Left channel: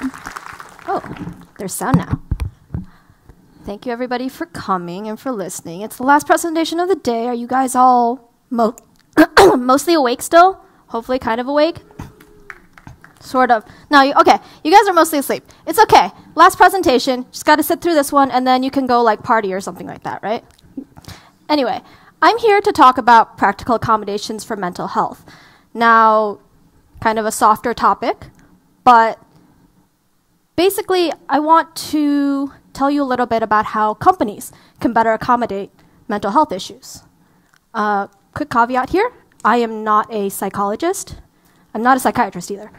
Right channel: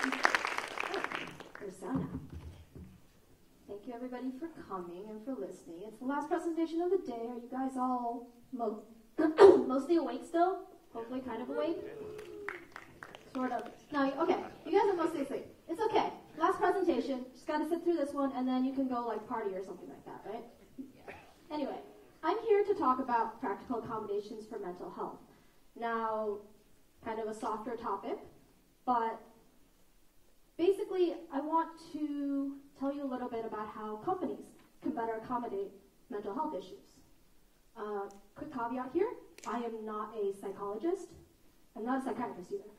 Oh, there's sound now. Thank you, everybody, for coming and for listening. It's the last presentation of the day. Are you guys all mostly awake still? Hopefully kind of awake? Sort of. No, okay. You guys are mostly asleep. It's okay. Last presentation. Just got to sit through this one, and then you can go like party or something like that, right? Anyway, I'm here to talk about practical accommodations for mental health. Now, kind of a softer topic, but basically, I want to tell you a little bit about how companies can better accommodate mental health issues. Quick caveat here, I am not a psychologist. I'm not a psychiatrist either.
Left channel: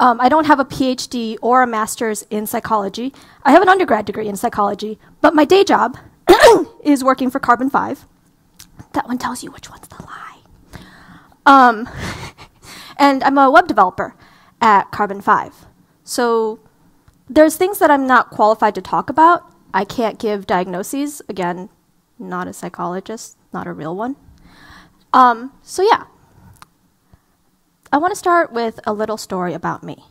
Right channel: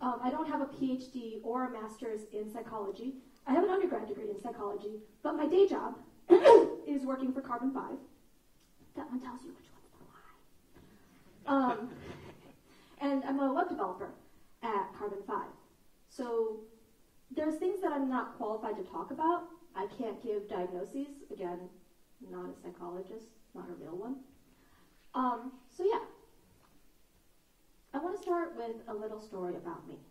I don't have a PhD or a master's in psychology. I have an undergrad degree in psychology, but my day job is working for CarbonFive. That one tells you which one's the lie. And I'm a web developer at CarbonFive. So there's things that I'm not qualified to talk about. I can't give diagnoses. Again, not a psychologist, not a real one. So yeah, I want to start with a little story about me.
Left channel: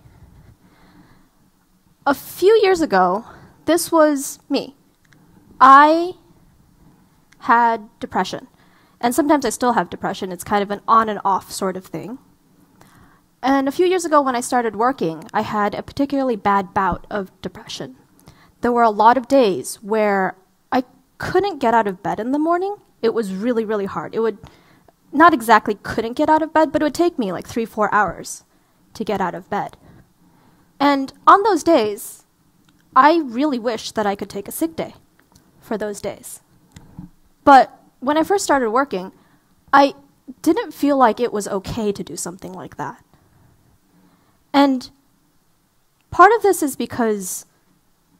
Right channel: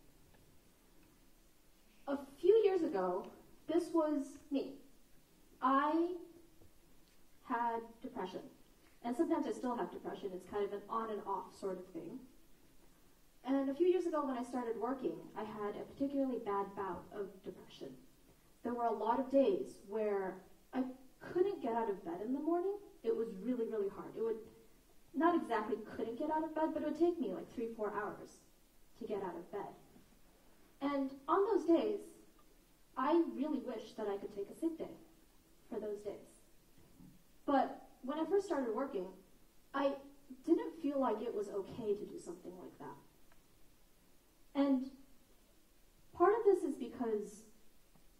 A few years ago, this was me. I had depression, and sometimes I still have depression. It's kind of an on and off sort of thing. And a few years ago when I started working, I had a particularly bad bout of depression. There were a lot of days where I couldn't get out of bed in the morning. It was really, really hard. It would, not exactly couldn't get out of bed, but it would take me like 3-4 hours to get out of bed. And on those days, I really wished that I could take a sick day for those days. But when I first started working, I didn't feel like it was okay to do something like that. And part of this is because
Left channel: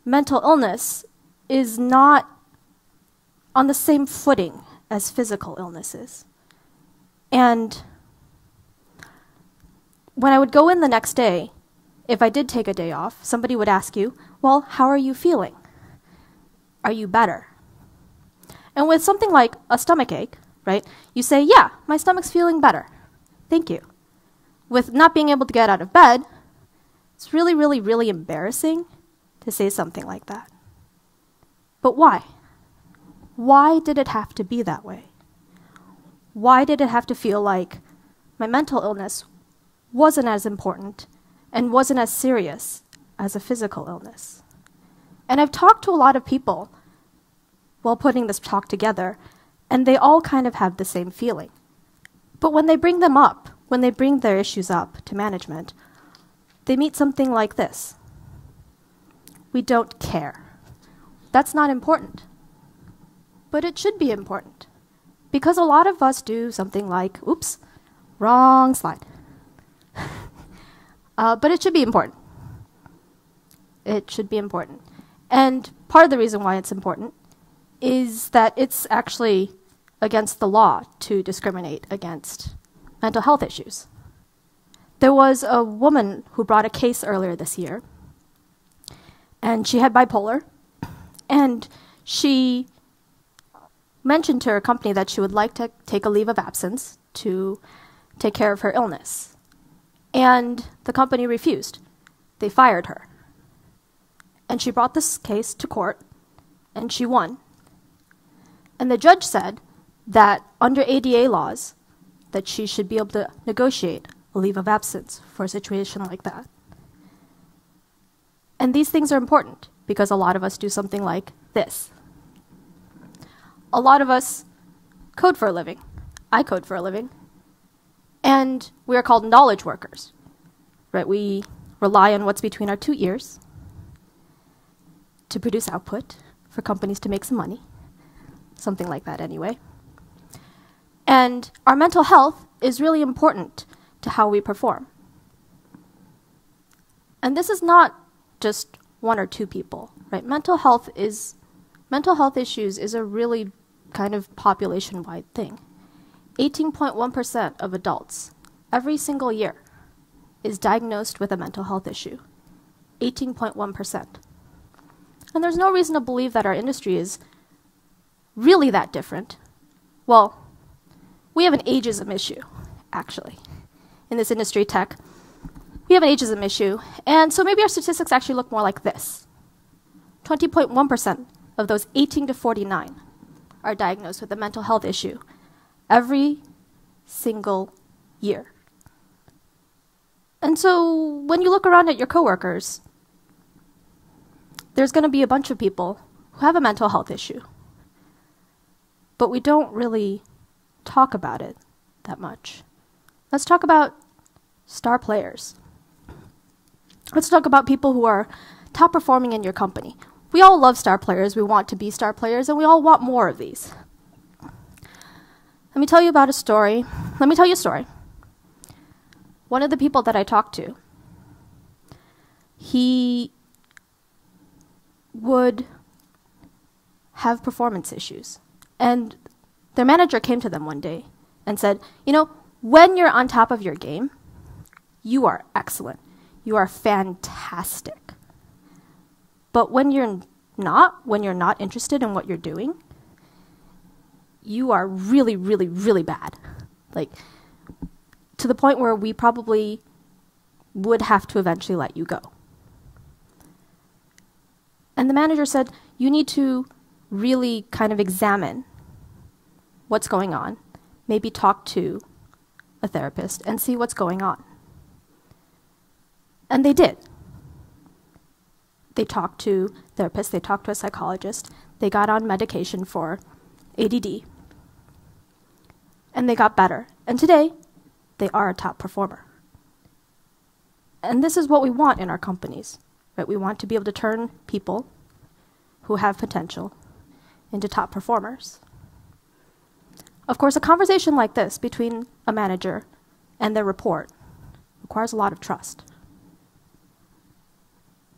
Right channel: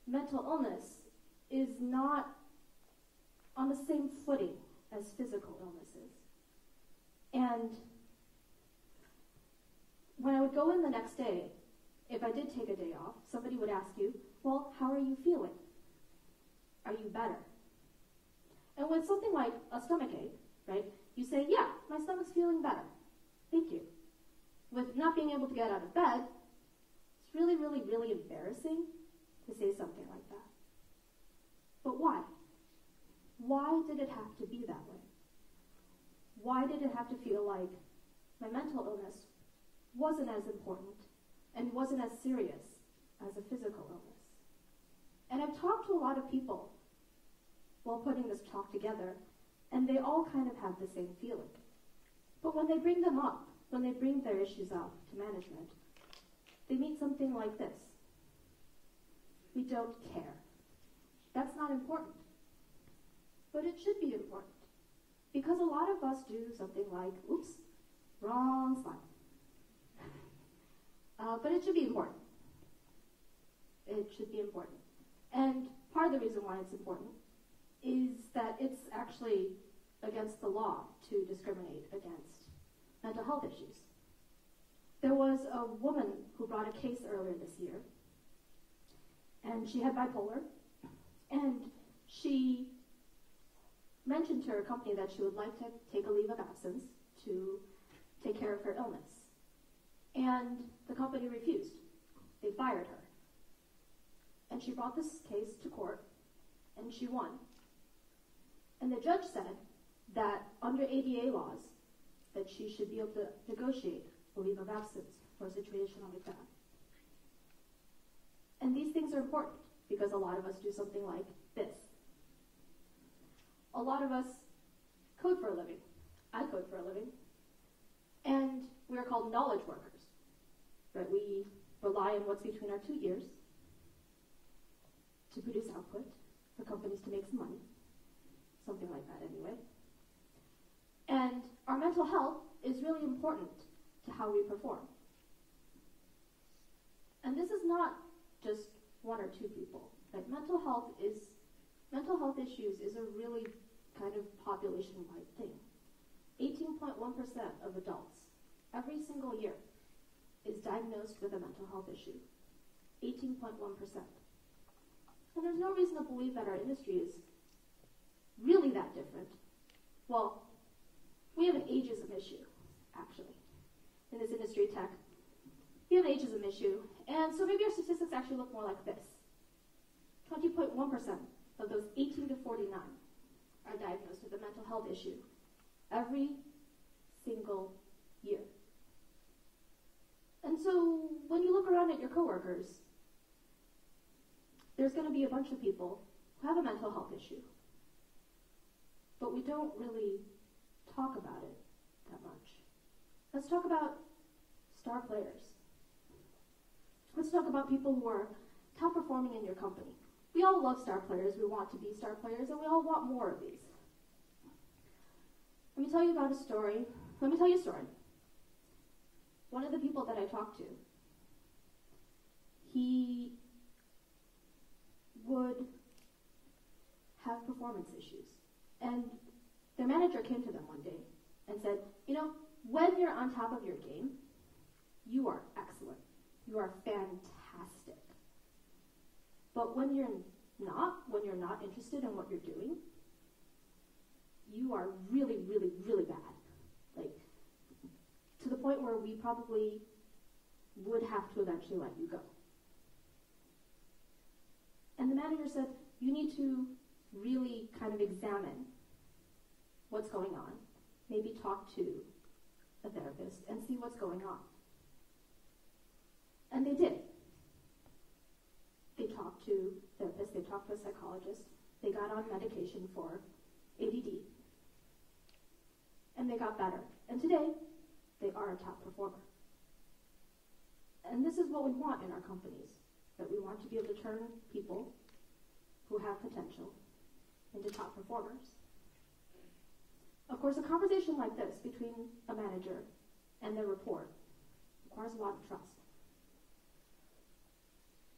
mental illness is not on the same footing as physical illnesses. And when I would go in the next day, if I did take a day off, somebody would ask you, well, how are you feeling? Are you better? And with something like a stomach ache, right, you say, yeah, my stomach's feeling better. Thank you. With not being able to get out of bed, it's really, really, really embarrassing to say something like that. But why? Why did it have to be that way? Why did it have to feel like my mental illness wasn't as important and wasn't as serious as a physical illness? And I've talked to a lot of people while putting this talk together, and they all kind of have the same feeling. But when they bring them up, when they bring their issues up to management, they meet something like this. We don't care. That's not important. But it should be important. Because a lot of us do something like, oops, wrong slide. But it should be important. It should be important. And part of the reason why it's important is that it's actually against the law to discriminate against mental health issues. There was a woman who brought a case earlier this year, and she had bipolar, and she mentioned to her company that she would like to take a leave of absence to take care of her illness. And the company refused. They fired her. And she brought this case to court, and she won. And the judge said that under ADA laws, that she should be able to negotiate a leave of absence for a situation like that. And these things are important because a lot of us do something like this. A lot of us code for a living. I code for a living. And we are called knowledge workers, right? We rely on what's between our 2 ears to produce output for companies to make some money. Something like that anyway. And our mental health is really important to how we perform. And this is not just 1 or 2 people, right? Mental health issues is a really kind of population-wide thing. 18.1% of adults every single year is diagnosed with a mental health issue. 18.1%. And there's no reason to believe that our industry is really that different. Well, we have an ageism issue, actually, in this industry, tech. we have an ageism issue. And so maybe our statistics actually look more like this. 20.1% of those 18 to 49 are diagnosed with a mental health issue every single year. And so when you look around at your coworkers, there's going to be a bunch of people who have a mental health issue, but we don't really talk about it that much. Let's talk about star players. Let's talk about people who are top performing in your company. We all love star players, we want to be star players, and we all want more of these. Let me tell you a story. One of the people that I talked to, he would have performance issues. And their manager came to them one day and said, you know, when you're on top of your game, you are excellent. You are fantastic. But when you're not interested in what you're doing, you are really, really, really bad. Like, to the point where we probably would have to eventually let you go. And the manager said, you need to really kind of examine what's going on, maybe talk to a therapist and see what's going on. And they did. They talked to therapists, they talked to a psychologist, they got on medication for ADD, and they got better. And today, they are a top performer. And this is what we want in our companies, right? We want to be able to turn people who have potential into top performers. Of course, a conversation like this between a manager and their report requires a lot of trust.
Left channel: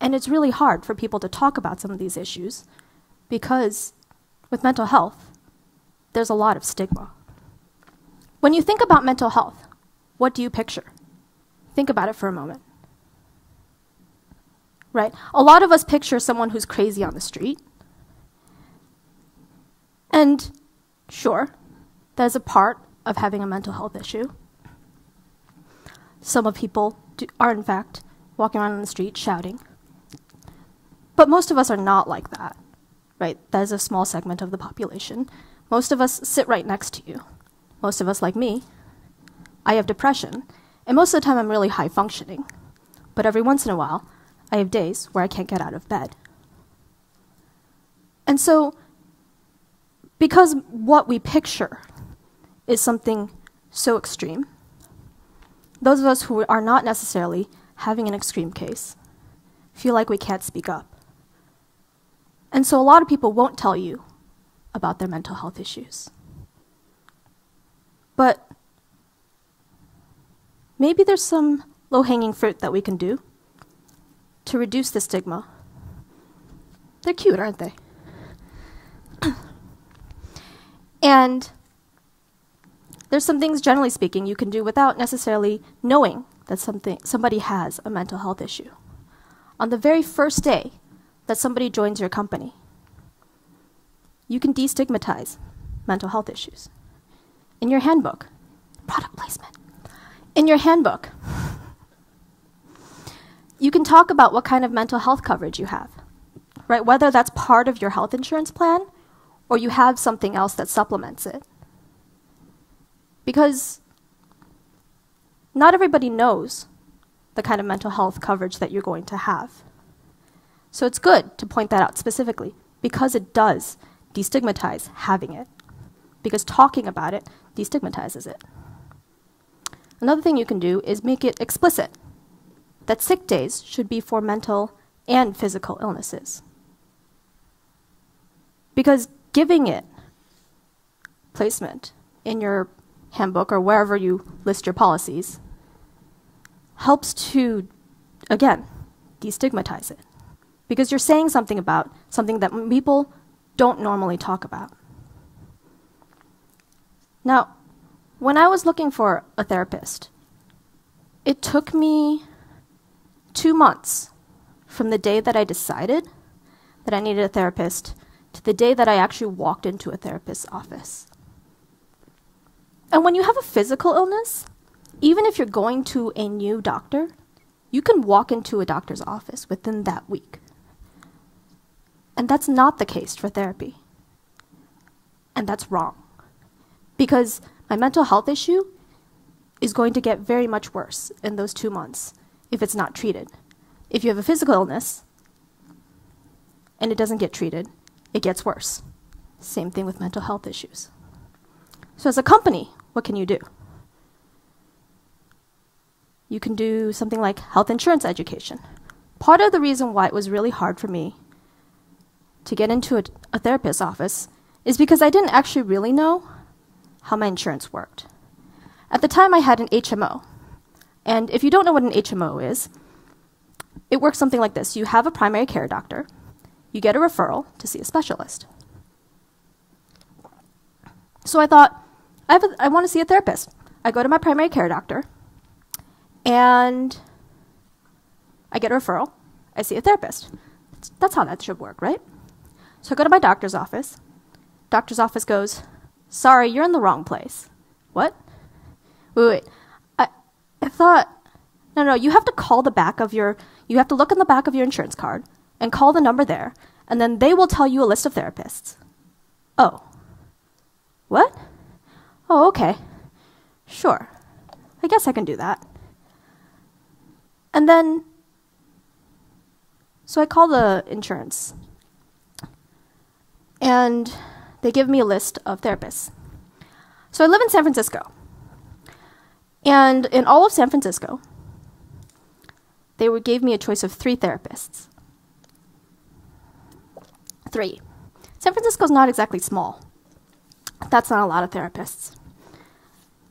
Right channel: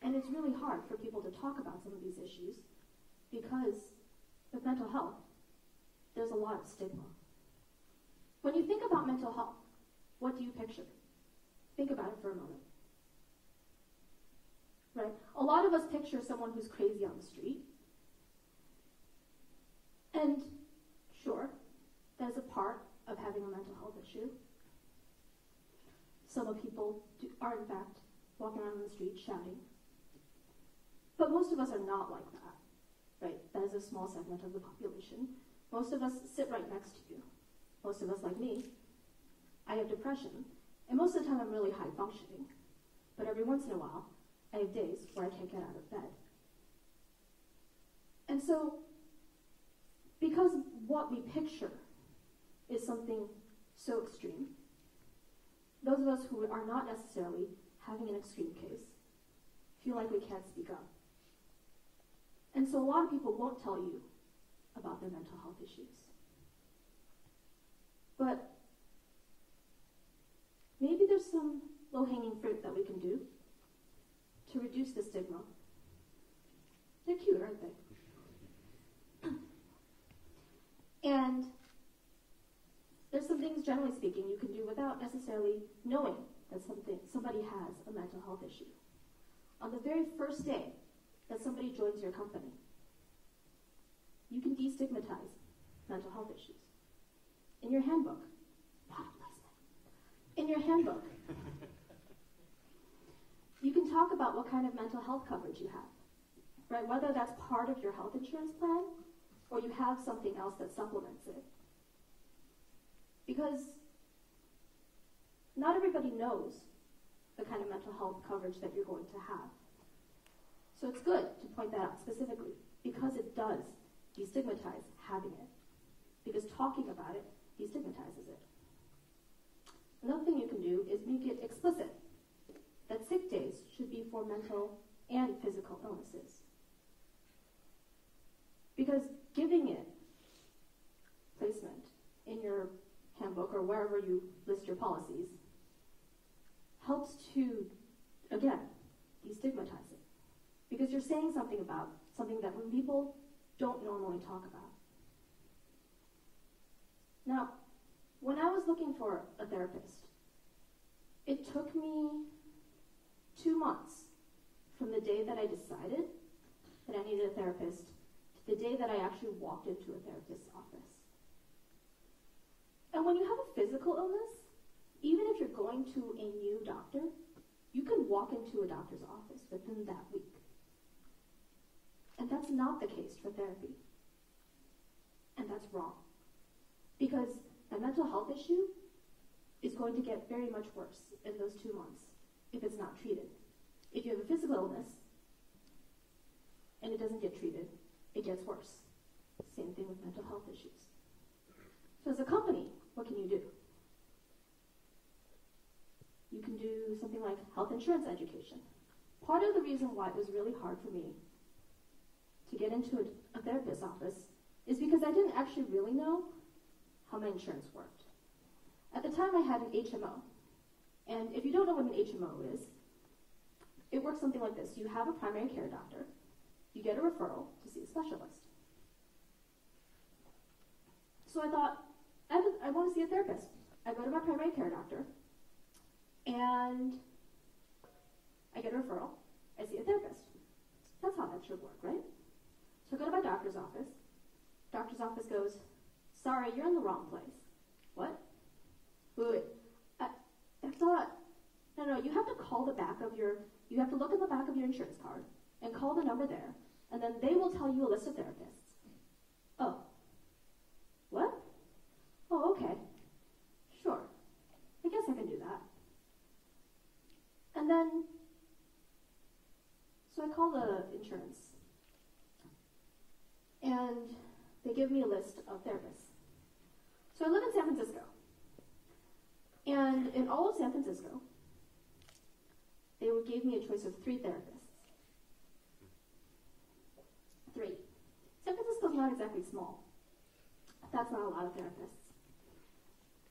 And it's really hard for people to talk about some of these issues because with mental health, there's a lot of stigma. When you think about mental health, what do you picture? Think about it for a moment. Right? A lot of us picture someone who's crazy on the street. And sure, there's a part of having a mental health issue. Some of people are, in fact, walking around on the street shouting. But most of us are not like that, right? That is a small segment of the population. Most of us sit right next to you. Most of us, like me, I have depression, and most of the time I'm really high functioning. But every once in a while, I have days where I can't get out of bed. And so, because what we picture is something so extreme, those of us who are not necessarily having an extreme case feel like we can't speak up. And so a lot of people won't tell you about their mental health issues. But maybe there's some low-hanging fruit that we can do to reduce the stigma. They're cute, aren't they? And there's some things, generally speaking, you can do without necessarily knowing that somebody has a mental health issue. On the very first day that somebody joins your company, you can destigmatize mental health issues. In your handbook, product placement, in your handbook, you can talk about what kind of mental health coverage you have, right? Whether that's part of your health insurance plan or you have something else that supplements it. Because not everybody knows the kind of mental health coverage that you're going to have. So it's good to point that out specifically because it does destigmatize having it, because talking about it destigmatizes it. Another thing you can do is make it explicit that sick days should be for mental and physical illnesses. Because giving it placement in your handbook or wherever you list your policies helps to, again, destigmatize it. Because you're saying something about something that people don't normally talk about. Now, when I was looking for a therapist, it took me 2 months from the day that I decided that I needed a therapist to the day that I actually walked into a therapist's office. And when you have a physical illness, even if you're going to a new doctor, you can walk into a doctor's office within that week. And that's not the case for therapy. And that's wrong. Because my mental health issue is going to get very much worse in those 2 months if it's not treated. If you have a physical illness and it doesn't get treated, it gets worse. Same thing with mental health issues. So as a company, what can you do? You can do something like health insurance education. Part of the reason why it was really hard for me to get into a therapist's office is because I didn't actually really know how my insurance worked. At the time, I had an HMO. And if you don't know what an HMO is, it works something like this. You have a primary care doctor. You get a referral to see a specialist. So I thought, I want to see a therapist. I go to my primary care doctor, and I get a referral. I see a therapist. That's how that should work, right? So I go to my doctor's office. Doctor's office goes, sorry, you're in the wrong place. What? Wait. I thought, no, you have to call the back of you have to look in the back of your insurance card and call the number there, and then they will tell you a list of therapists. Oh. What? Oh, okay. Sure. I guess I can do that. And then, so I call the insurance, and they give me a list of therapists. So I live in San Francisco. And in all of San Francisco, they gave me a choice of 3 therapists. 3. San Francisco's not exactly small. That's not a lot of therapists.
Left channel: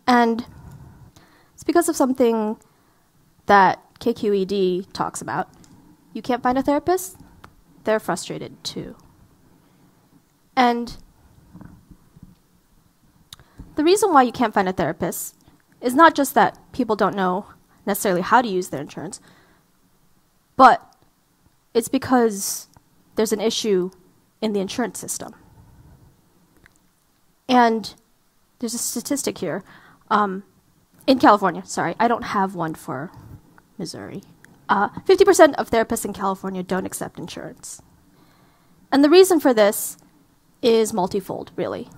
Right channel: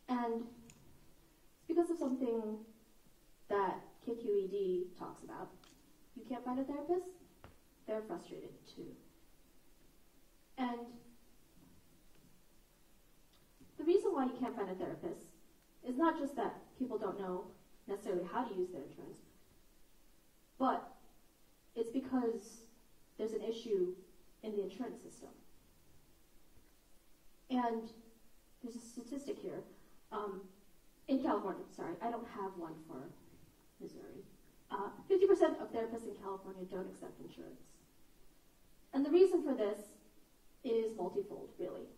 And it's because of something that KQED talks about. You can't find a therapist? They're frustrated too. And the reason why you can't find a therapist is not just that people don't know necessarily how to use their insurance, but it's because there's an issue in the insurance system. And there's a statistic here. In California, sorry, I don't have one for Missouri. 50% of therapists in California don't accept insurance. And the reason for this is multifold, really.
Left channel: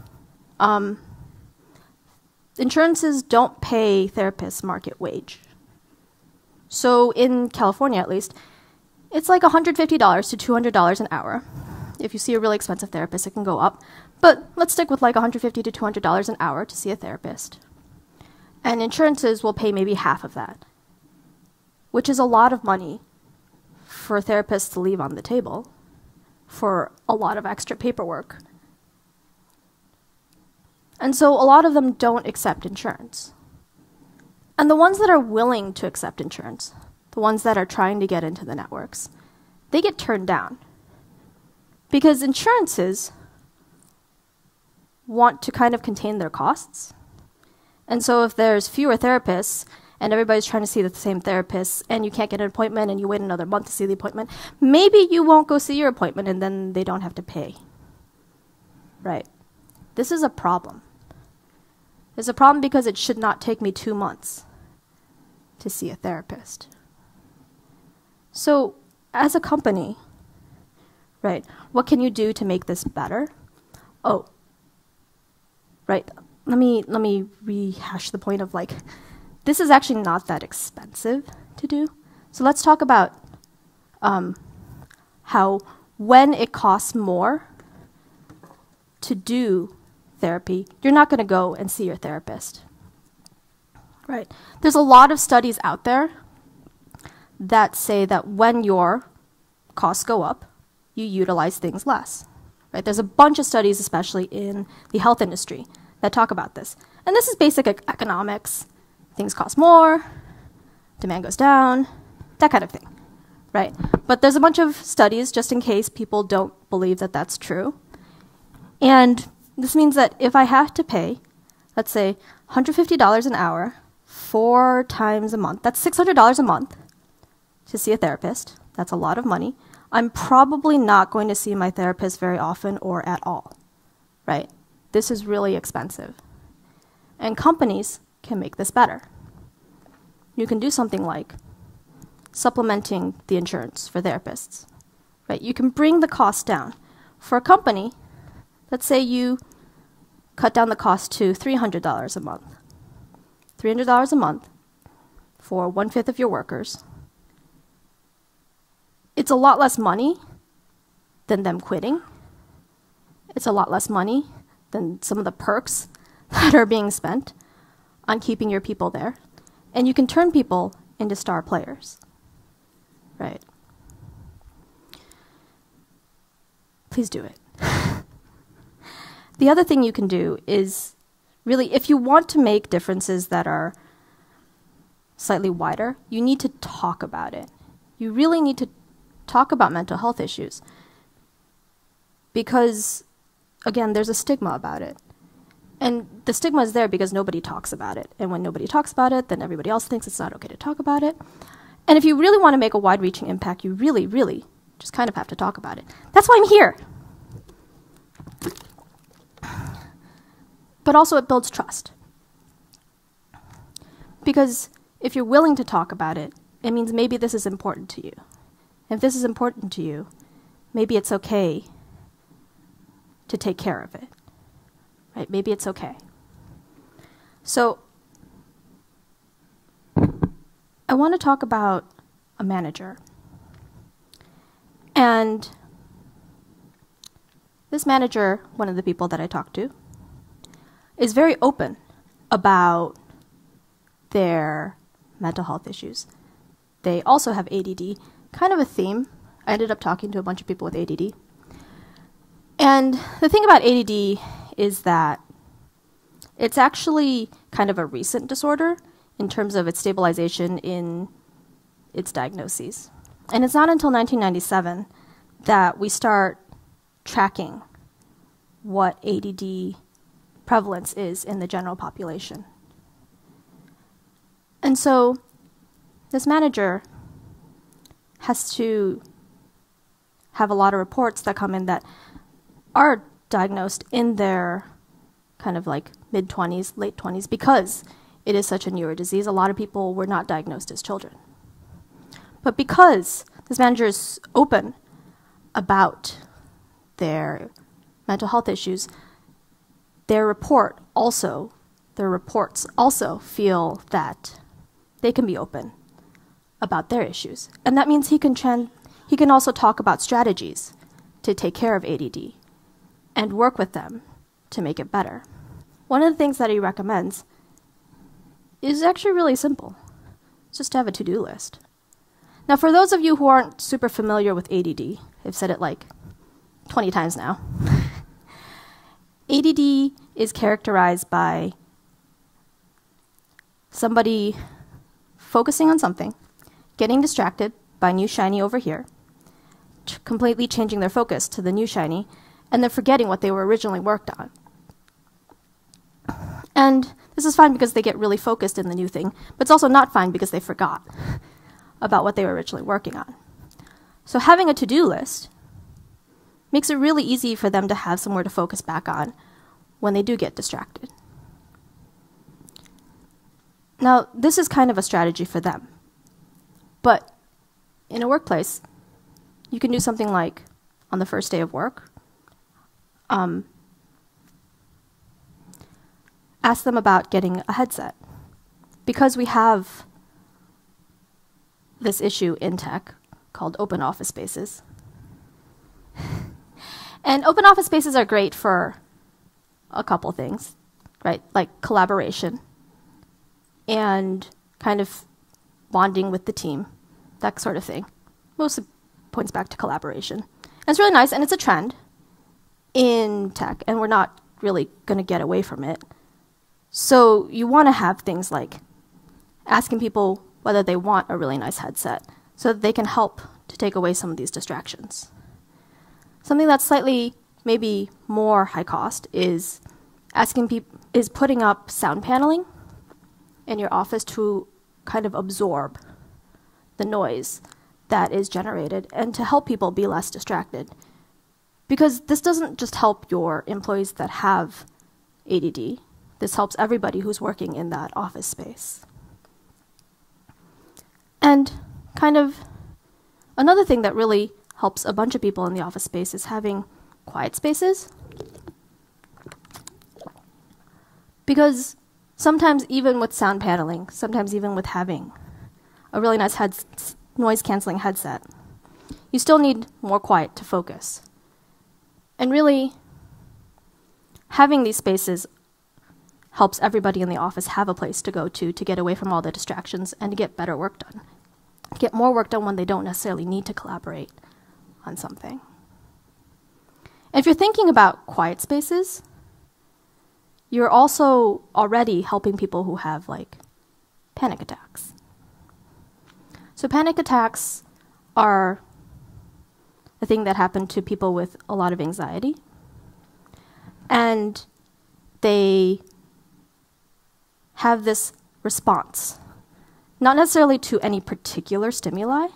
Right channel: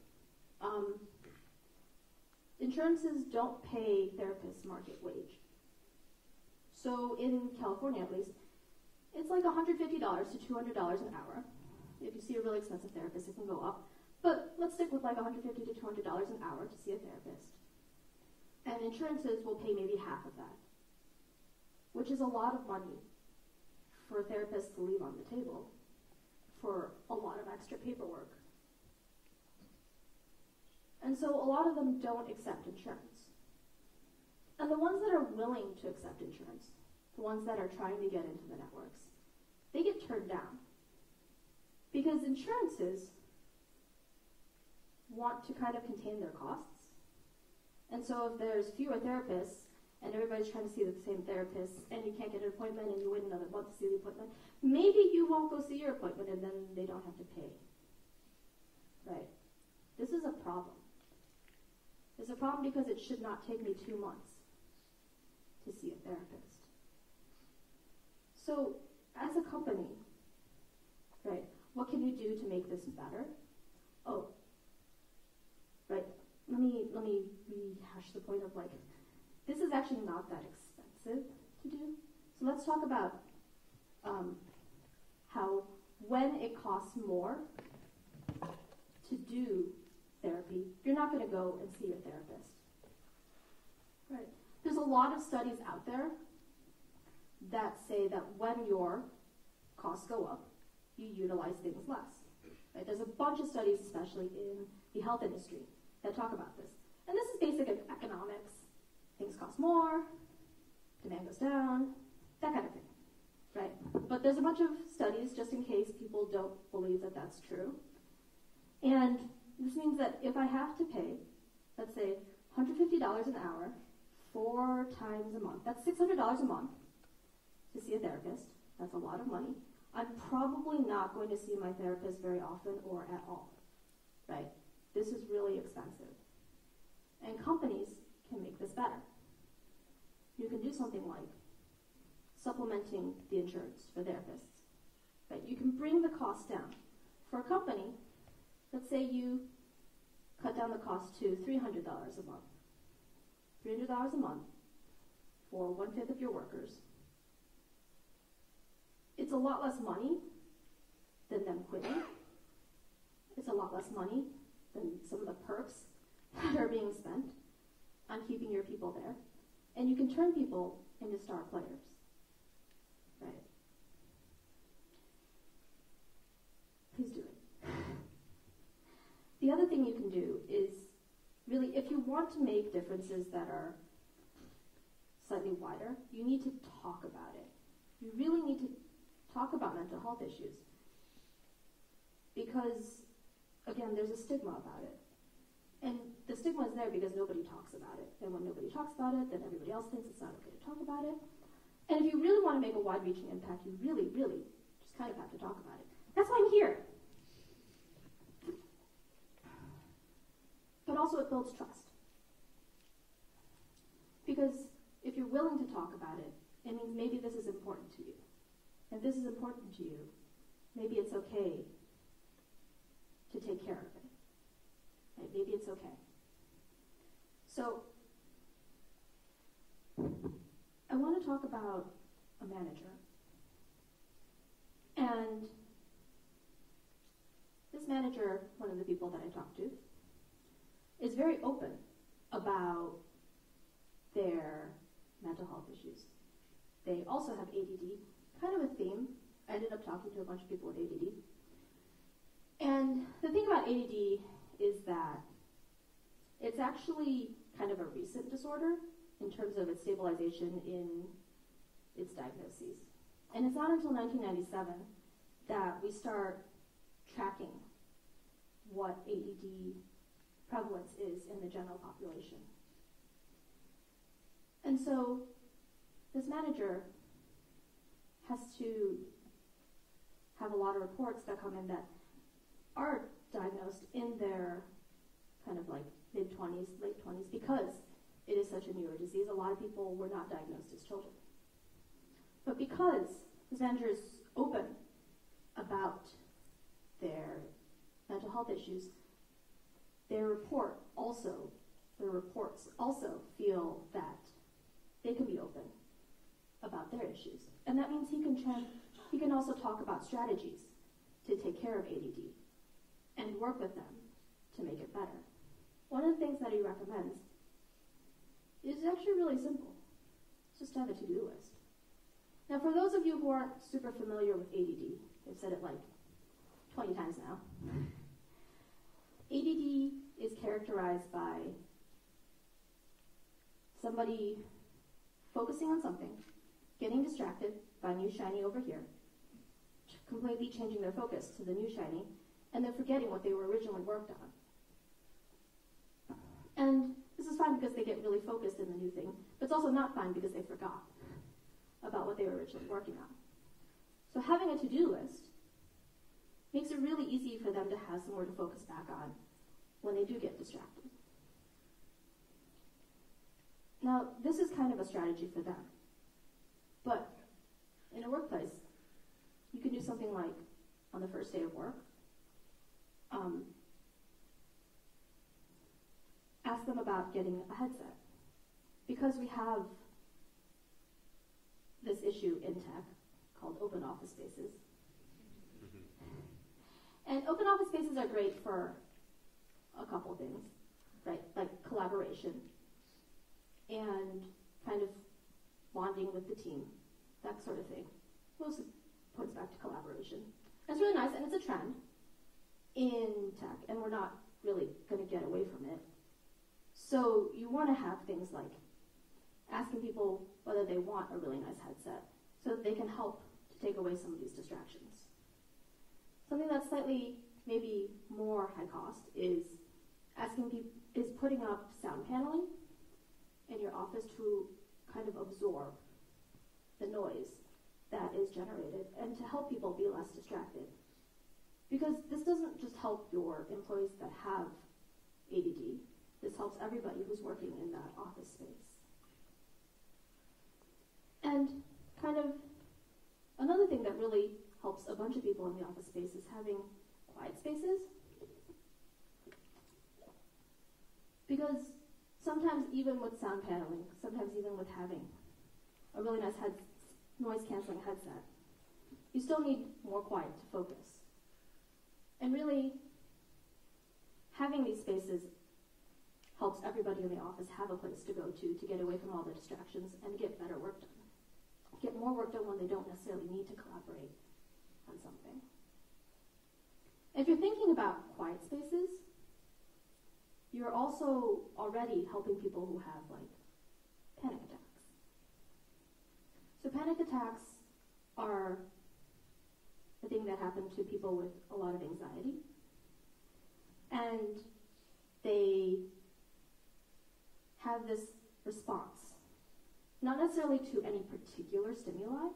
Insurances don't pay therapists market wage. So in California, at least, it's like $150 to $200 an hour. If you see a really expensive therapist, it can go up. But let's stick with like $150 to $200 an hour to see a therapist. And insurances will pay maybe half of that, which is a lot of money for therapists to leave on the table for a lot of extra paperwork. And so a lot of them don't accept insurance. And the ones that are willing to accept insurance, the ones that are trying to get into the networks, they get turned down. Because insurances want to kind of contain their costs. And so if there's fewer therapists and everybody's trying to see the same therapist and you can't get an appointment and you wait another month to see the appointment, maybe you won't go see your appointment and then they don't have to pay. Right? This is a problem. It's a problem because it should not take me 2 months to see a therapist. So as a company, right, what can you do to make this better? Oh, right, let me rehash the point of like, this is actually not that expensive to do. So let's talk about how when it costs more to do therapy, you're not going to go and see your therapist. Right? There's a lot of studies out there that say that when your costs go up, you utilize things less. Right? There's a bunch of studies, especially in the health industry, that talk about this. And this is basic economics. Things cost more, demand goes down, that kind of thing. Right? But there's a bunch of studies, just in case people don't believe that that's true. And this means that if I have to pay, let's say, $150 an hour 4 times a month, that's $600 a month to see a therapist. That's a lot of money. I'm probably not going to see my therapist very often or at all, right? This is really expensive. And companies can make this better. You can do something like supplementing the insurance for therapists, right? You can bring the cost down. For a company, let's say you cut down the cost to $300 a month. $300 a month for 1/5 of your workers. It's a lot less money than them quitting. It's a lot less money than some of the perks that are being spent on keeping your people there. And you can turn people into star players, right? Please do it. The other thing you can do is really, if you want to make differences that are slightly wider, you need to talk about it. You really need to talk about mental health issues. Because, again, there's a stigma about it. And the stigma is there because nobody talks about it. And when nobody talks about it, then everybody else thinks it's not okay to talk about it. And if you really want to make a wide-reaching impact, you really, really just kind of have to talk about it. That's why I'm here. But also it builds trust. Because if you're willing to talk about it, it means maybe this is important to you. If this is important to you, maybe it's okay to take care of it. Right? Maybe it's okay. So I want to talk about a manager. And this manager, one of the people that I talked to, is very open about their mental health issues. They also have ADD, kind of a theme. I ended up talking to a bunch of people with ADD. And the thing about ADD is that it's actually kind of a recent disorder in terms of its stabilization in its diagnoses. And it's not until 1997 that we start tracking what ADD prevalence is in the general population. And so this manager has to have a lot of reports that come in that are diagnosed in their kind of like mid-20s, late 20s, because it is such a newer disease. A lot of people were not diagnosed as children. But because this manager is open about their mental health issues, their reports also feel that they can be open about their issues. And that means he can also talk about strategies to take care of ADD and work with them to make it better. One of the things that he recommends is actually really simple. It's just to have a to-do list. Now, for those of you who aren't super familiar with ADD, I've said it like 20 times now. ADD is characterized by somebody focusing on something, getting distracted by new shiny over here, completely changing their focus to the new shiny, and then forgetting what they were originally worked on. And this is fine because they get really focused in the new thing, but it's also not fine because they forgot about what they were originally working on. So having a to-do list makes it really easy for them to have somewhere to focus back on when they do get distracted. Now, this is kind of a strategy for them. But in a workplace, you can do something like, on the first day of work, ask them about getting a headset. Because we have this issue in tech called open office spaces. And open office spaces are great for a couple things, right? Like collaboration and kind of bonding with the team, that sort of thing. Mostly points back to collaboration. And it's really nice, and it's a trend in tech, and we're not really going to get away from it. So you want to have things like asking people whether they want a really nice headset so that they can help to take away some of these distractions. Something that's slightly maybe more high cost is putting up sound paneling in your office to kind of absorb the noise that is generated and to help people be less distracted. Because this doesn't just help your employees that have ADD. This helps everybody who's working in that office space. And kind of another thing that really helps a bunch of people in the office space is having quiet spaces. Because sometimes even with sound paneling, sometimes even with having a really nice noise-canceling headset, you still need more quiet to focus. And really, having these spaces helps everybody in the office have a place to go to get away from all the distractions and to get better work done. Get more work done when they don't necessarily need to collaborate on something. And if you're thinking about quiet spaces, you're also already helping people who have like panic attacks. So panic attacks are a thing that happen to people with a lot of anxiety. And they have this response, not necessarily to any particular stimuli,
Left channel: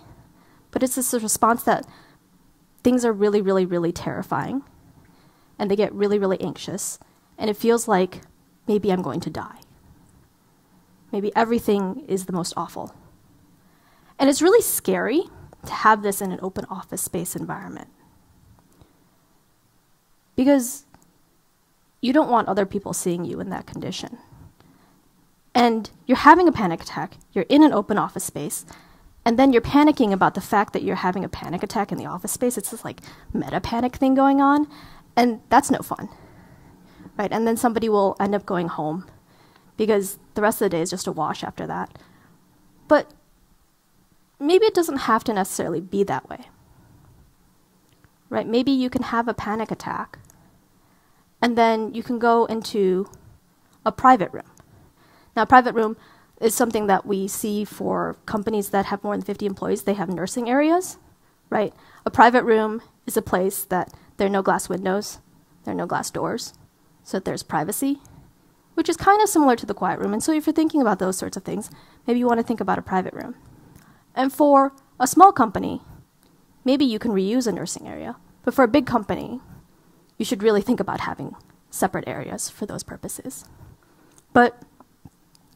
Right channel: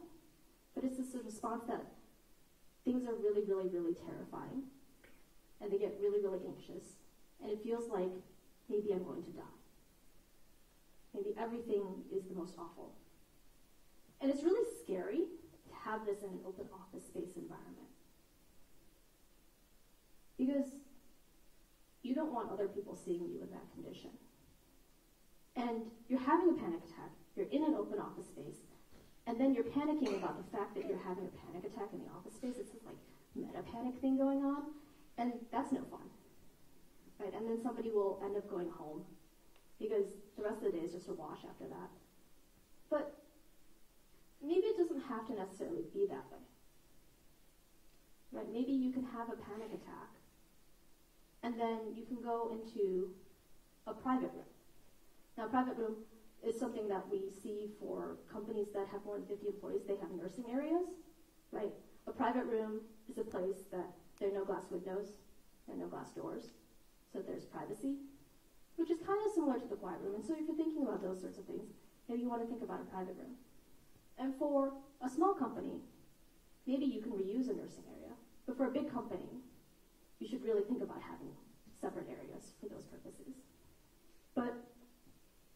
but it's this response that things are really, really, really terrifying, and they get really, really anxious, and it feels like maybe I'm going to die. Maybe everything is the most awful. And it's really scary to have this in an open office space environment, because you don't want other people seeing you in that condition. And you're having a panic attack, you're in an open office space, and then you're panicking about the fact that you're having a panic attack in the office space. It's this like meta panic thing going on, and that's no fun, right? And then somebody will end up going home because the rest of the day is just a wash after that. But maybe it doesn't have to necessarily be that way, right? Maybe you can have a panic attack, and then you can go into a private room. Now, a private room is something that we see for companies that have more than 50 employees. They have nursing areas, right? A private room is a place that there are no glass windows, there are no glass doors, so that there's privacy, which is kind of similar to the quiet room. And so if you're thinking about those sorts of things, maybe you want to think about a private room. And for a small company, maybe you can reuse a nursing area. But for a big company, you should really think about having separate areas for those purposes. But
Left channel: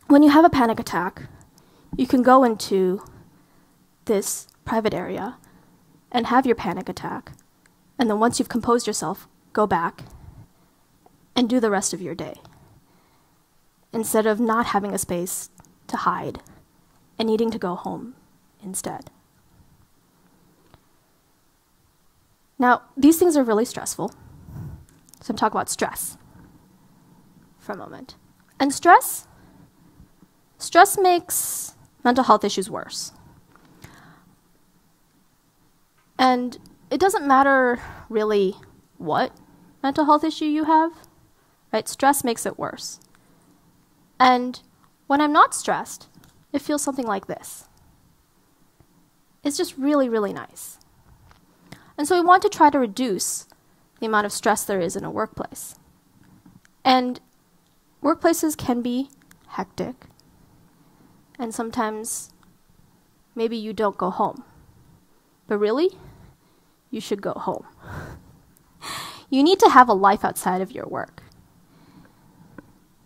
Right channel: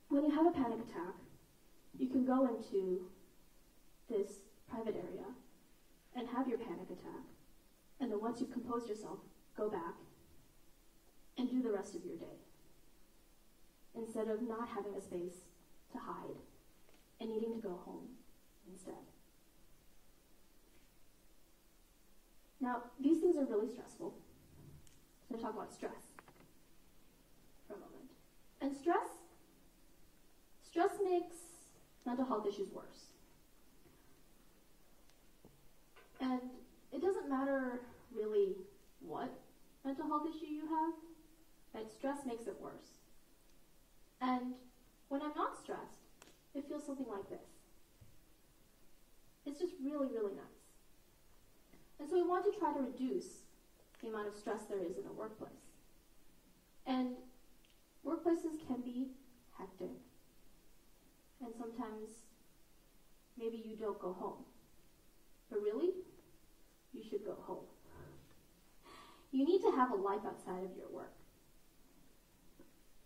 when you have a panic attack, you can go into this private area and have your panic attack. And then once you've composed yourself, go back and do the rest of your day, instead of not having a space to hide and needing to go home instead. Now, these things are really stressful. So I'm talking about stress for a moment. And stress makes mental health issues worse. And it doesn't matter really what mental health issue you have, right? Stress makes it worse. And when I'm not stressed, it feels something like this. It's just really, really nice. And so we want to try to reduce the amount of stress there is in a workplace. And workplaces can be hectic, and sometimes maybe you don't go home. But really, you should go home. You need to have a life outside of your work.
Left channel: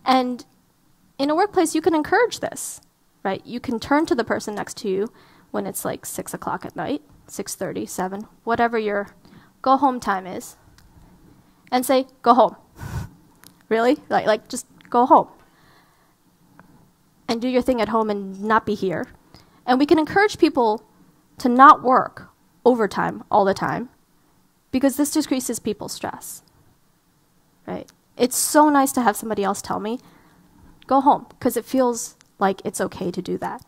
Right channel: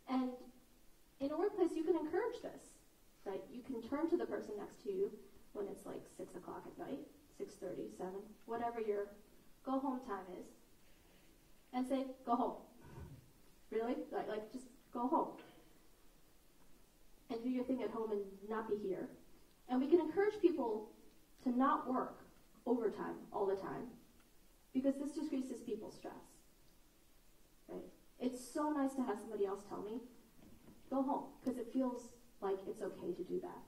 And in a workplace, you can encourage this, right? You can turn to the person next to you when it's like 6 o'clock at night, 6:30, 7, whatever your go home time is, and say, go home. Really? Like just go home. And do your thing at home and not be here. And we can encourage people to not work overtime all the time, because this decreases people's stress, right? It's so nice to have somebody else tell me, go home, because it feels like it's okay to do that.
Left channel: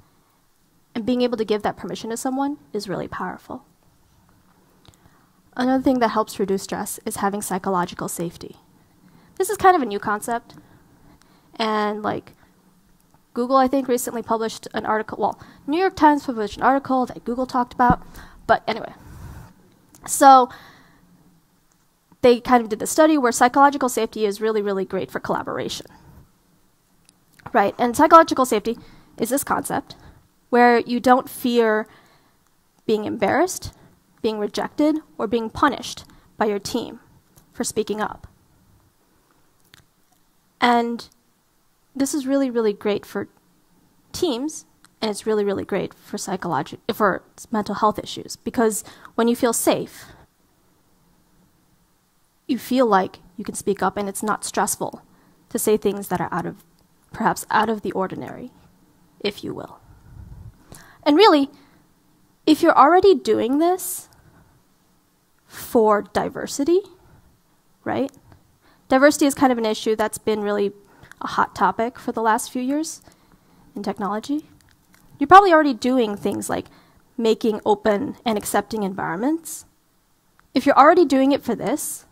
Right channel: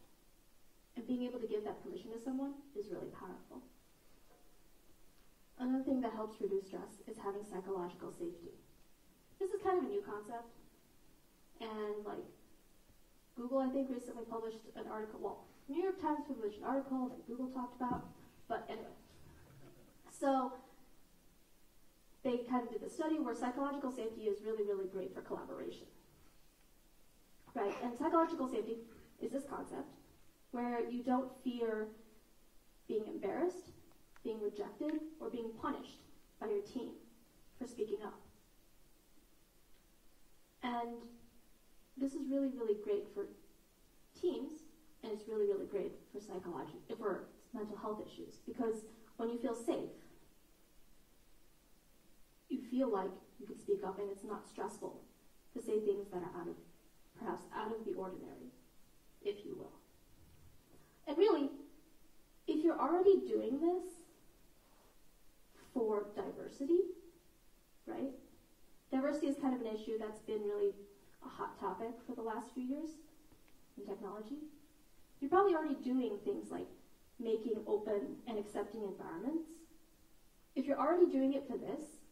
And being able to give that permission to someone is really powerful. Another thing that helps reduce stress is having psychological safety. This is kind of a new concept. And like Google, I think, recently published an article, well, New York Times published an article that Google talked about. But anyway, so they kind of did the study where psychological safety is really, really great for collaboration, right? And psychological safety is this concept where you don't fear being embarrassed, being rejected, or being punished by your team for speaking up. And this is really, really great for teams And it's really, really great for for mental health issues, because when you feel safe, you feel like you can speak up and it's not stressful to say things that are perhaps out of the ordinary, if you will. And really, if you're already doing this for diversity, right? Diversity is kind of an issue that's been really a hot topic for the last few years in technology. You're probably already doing things like making open and accepting environments. If you're already doing it for this,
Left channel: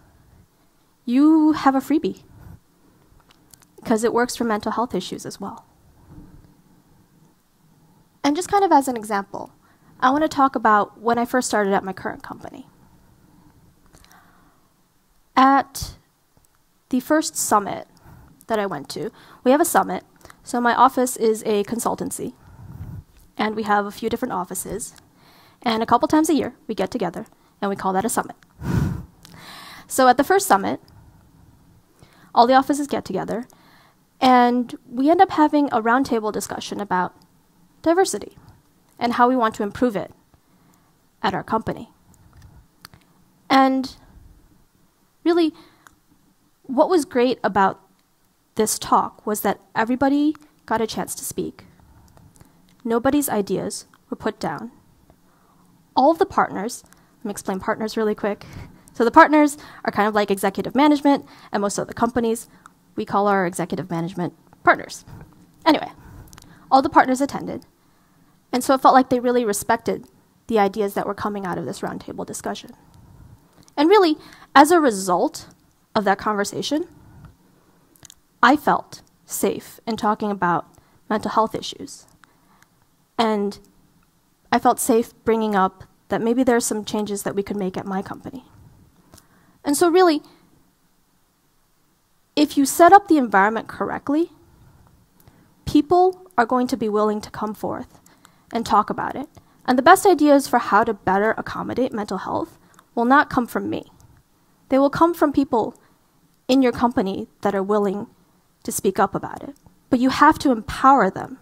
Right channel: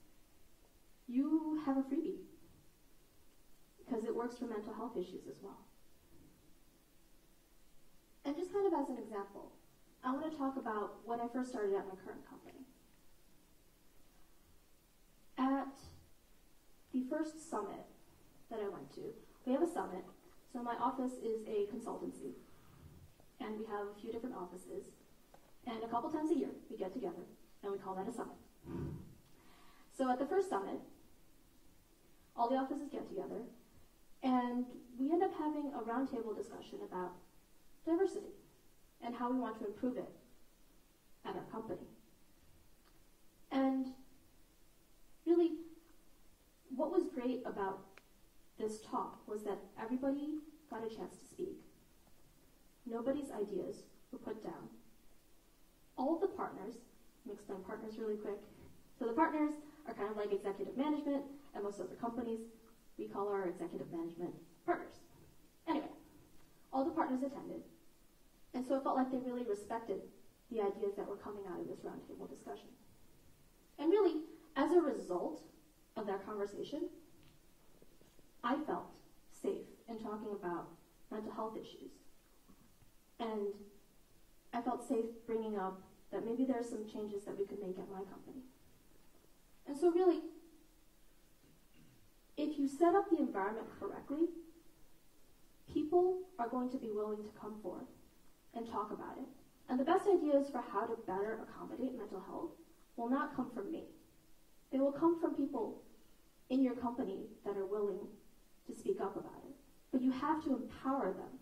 you have a freebie, because it works for mental health issues as well. And just kind of as an example, I want to talk about when I first started at my current company. At the first summit that I went to, we have a summit. So my office is a consultancy, and we have a few different offices. And a couple times a year, we get together, and we call that a summit. So at the first summit, all the offices get together, and we end up having a roundtable discussion about diversity and how we want to improve it at our company. And really, what was great about this talk was that everybody got a chance to speak. Nobody's ideas were put down. All of the partners, let me explain partners really quick. So the partners are kind of like executive management, and most of the companies, we call our executive management partners. Anyway, all the partners attended, and so it felt like they really respected the ideas that were coming out of this roundtable discussion. And really, as a result of that conversation, I felt safe in talking about mental health issues. And I felt safe bringing up that maybe there are some changes that we could make at my company. And so really, if you set up the environment correctly, people are going to be willing to come forth and talk about it. And the best ideas for how to better accommodate mental health will not come from me. They will come from people in your company that are willing to speak up about it. But you have to empower them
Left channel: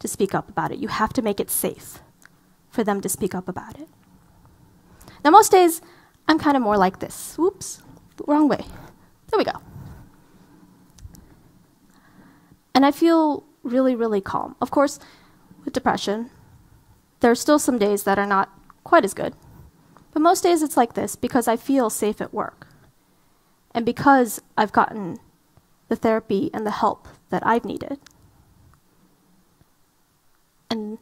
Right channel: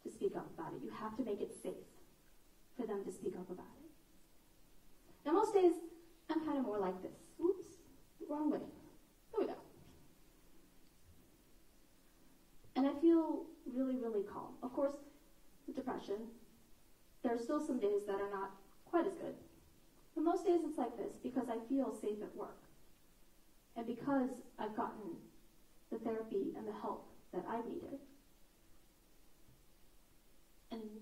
to speak up about it. You have to make it safe for them to speak up about it. Now, most days, I'm kind of more like this. Whoops, wrong way. There we go. And I feel really, really calm. Of course, with depression, there are still some days that are not quite as good. But most days it's like this because I feel safe at work. And because I've gotten the therapy and the help that I've needed. And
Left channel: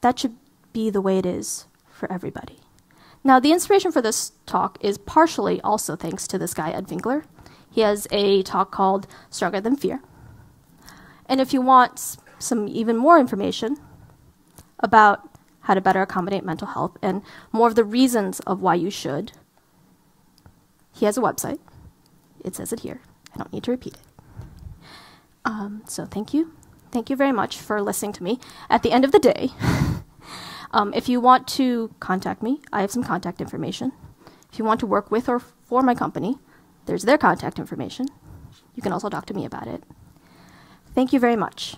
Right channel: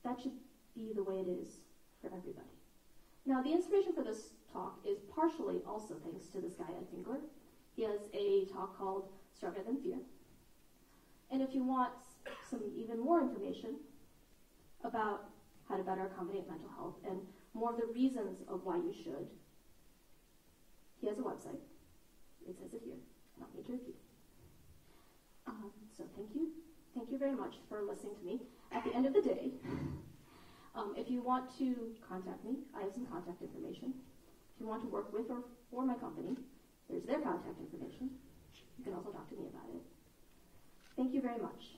that should be the way it is for everybody. Now, the inspiration for this talk is partially also thanks to this guy, Ed Winkler. He has a talk called Stronger Than Fear. And if you want some even more information about how to better accommodate mental health and more of the reasons of why you should, he has a website. It says it here. I don't need to repeat it. So thank you. Thank you very much for listening to me. At the end of the day, if you want to contact me, I have some contact information. If you want to work with or for my company, there's their contact information. You can also talk to me about it. Thank you very much.